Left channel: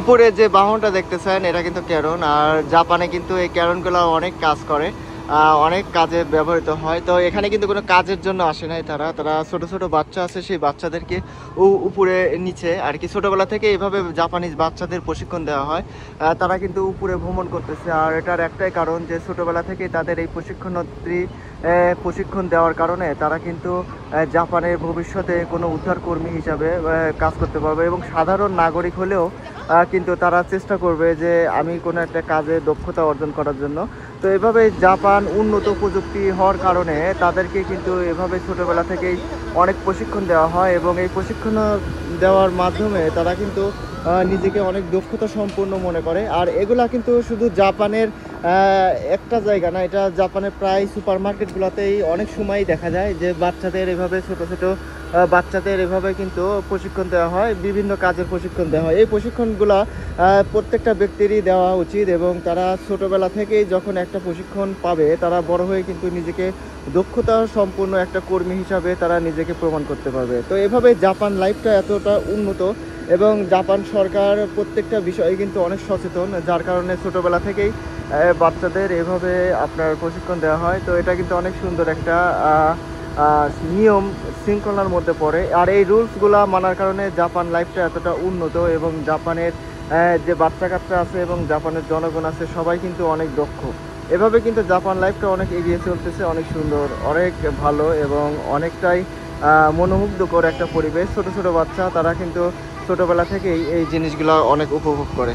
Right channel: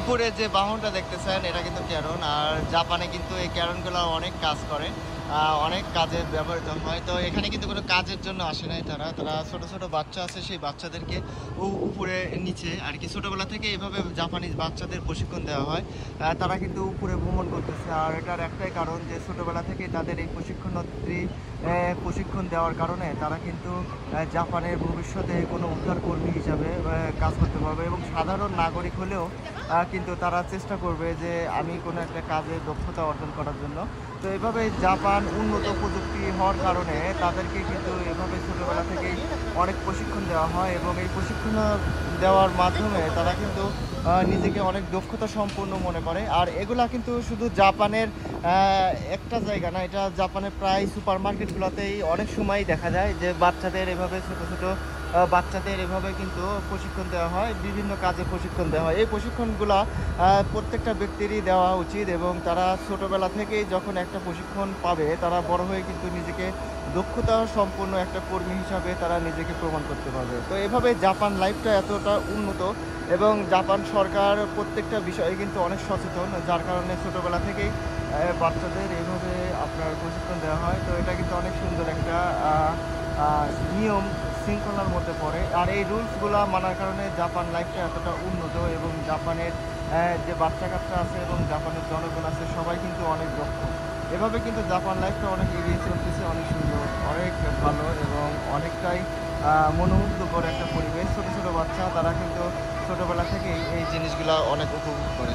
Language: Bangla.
উপরে যে বাহনটা দেখতেছেন এটা কিন্তু ক্যারন, আর জাপানে কিন্তু এই ক্যারনগুলো অনেক কাজ করে, অনেক কাজে ব্যবহৃত হয়। তো এখানে কিন্তু কোনো কাজের জন্য আসে নাই তারা, ছোট ছোট বাচ্চা আছে, সেই বাচ্চাদেরকে উপরে নিচে আর কি ছোটবেলা থেকে এইভাবে জাপানিজ বাচ্চাদের প্রশিক্ষণ দেওয়া হয়। তারা কিন্তু উপরে ভ্রমণ করতেছে, আর এটার একটাই কারণ যে ছোটবেলা থেকে তাদের এই প্রশিক্ষণ দেওয়ার কারণে তারা কিন্তু জাপানের ভবিষ্যতে কোনো উদ্ধারকর্মী হিসাবে কাজ করতে পারবে, এবং সাধারণ নাগরিক হলেও কিন্তু তারা চেষ্টা করবে যে আমি কোনো একটা কাজে দক্ষতা অর্জন করার জন্য। তো এভাবে জাপান উন্নত প্রযুক্তি হওয়ার কারণে তাদেরকে কিন্তু এভাবে ছোটবেলা থেকেই অনেক প্রশিক্ষণ দেওয়া হয়, এবং এই প্রশিক্ষণ দেওয়ার মাধ্যমে তারা কিন্তু নিজেকে অনেক দক্ষতা সম্পন্ন মনে করে। আর এগুলা কিন্তু শুধু জাপানের একটা জায়গা না, এটা জাপানের প্রায় সুপার মার্কেটগুলোতেই অনেক সময় দেখা যায় যে বাচ্চাদের এভাবে ছোট ছোট বাচ্চাদের এভাবে কিন্তু প্রশিক্ষণ দেওয়া হয়, বিভিন্ন কাজে প্রশিক্ষণ দেওয়া হয়। এই প্রশিক্ষণগুলো প্রত্যেকটা ব্যক্তিরই দেওয়া উচিত, এবং তারা ছোটবেলা থেকেই যখন একটা প্রশিক্ষণ পাবে তারা বড় হয়ে কিন্তু নিজেকে দক্ষতা সম্পন্ন একটা কর্মী হিসাবে তারা নিজেকে প্রমাণ করতে পারবে। তো এভাবে জাপান লাইফটা এতটা উন্নত, এবং জাপান সরকার প্রত্যেকটা বিষয়ে কিন্তু অনেক সচেতন, যার কারণে ছোটবেলা থেকেই বাচ্চাদের এভাবে আপনার প্রশিক্ষণ দেওয়া হয়। তো এটা কিন্তু অনেক সুন্দর একটা নিয়ম শৃঙ্খলার মধ্যে পড়ে, আর এই রুলসগুলা মানার কারণে জাপান লাইফটা এতটা উন্নত, এবং জাপানের যে বাচ্চা কাচ্চা আছে এবং জাপানের জনগণ আছে সবাই কিন্তু অনেক দক্ষ। এভাবে কিন্তু জাপান লাইফটা অনেক এগিয়ে চলতেছে, অনেক সুন্দর, অনেক ভালো, এবং অনেকটাই মনোমুগ্ধকর একটা পরিবেশ। ছোট ছোট বাচ্চা তারা কিন্তু ছোটবেলা থেকেই এই জিনিসগুলো অনেক উপভোগ করে।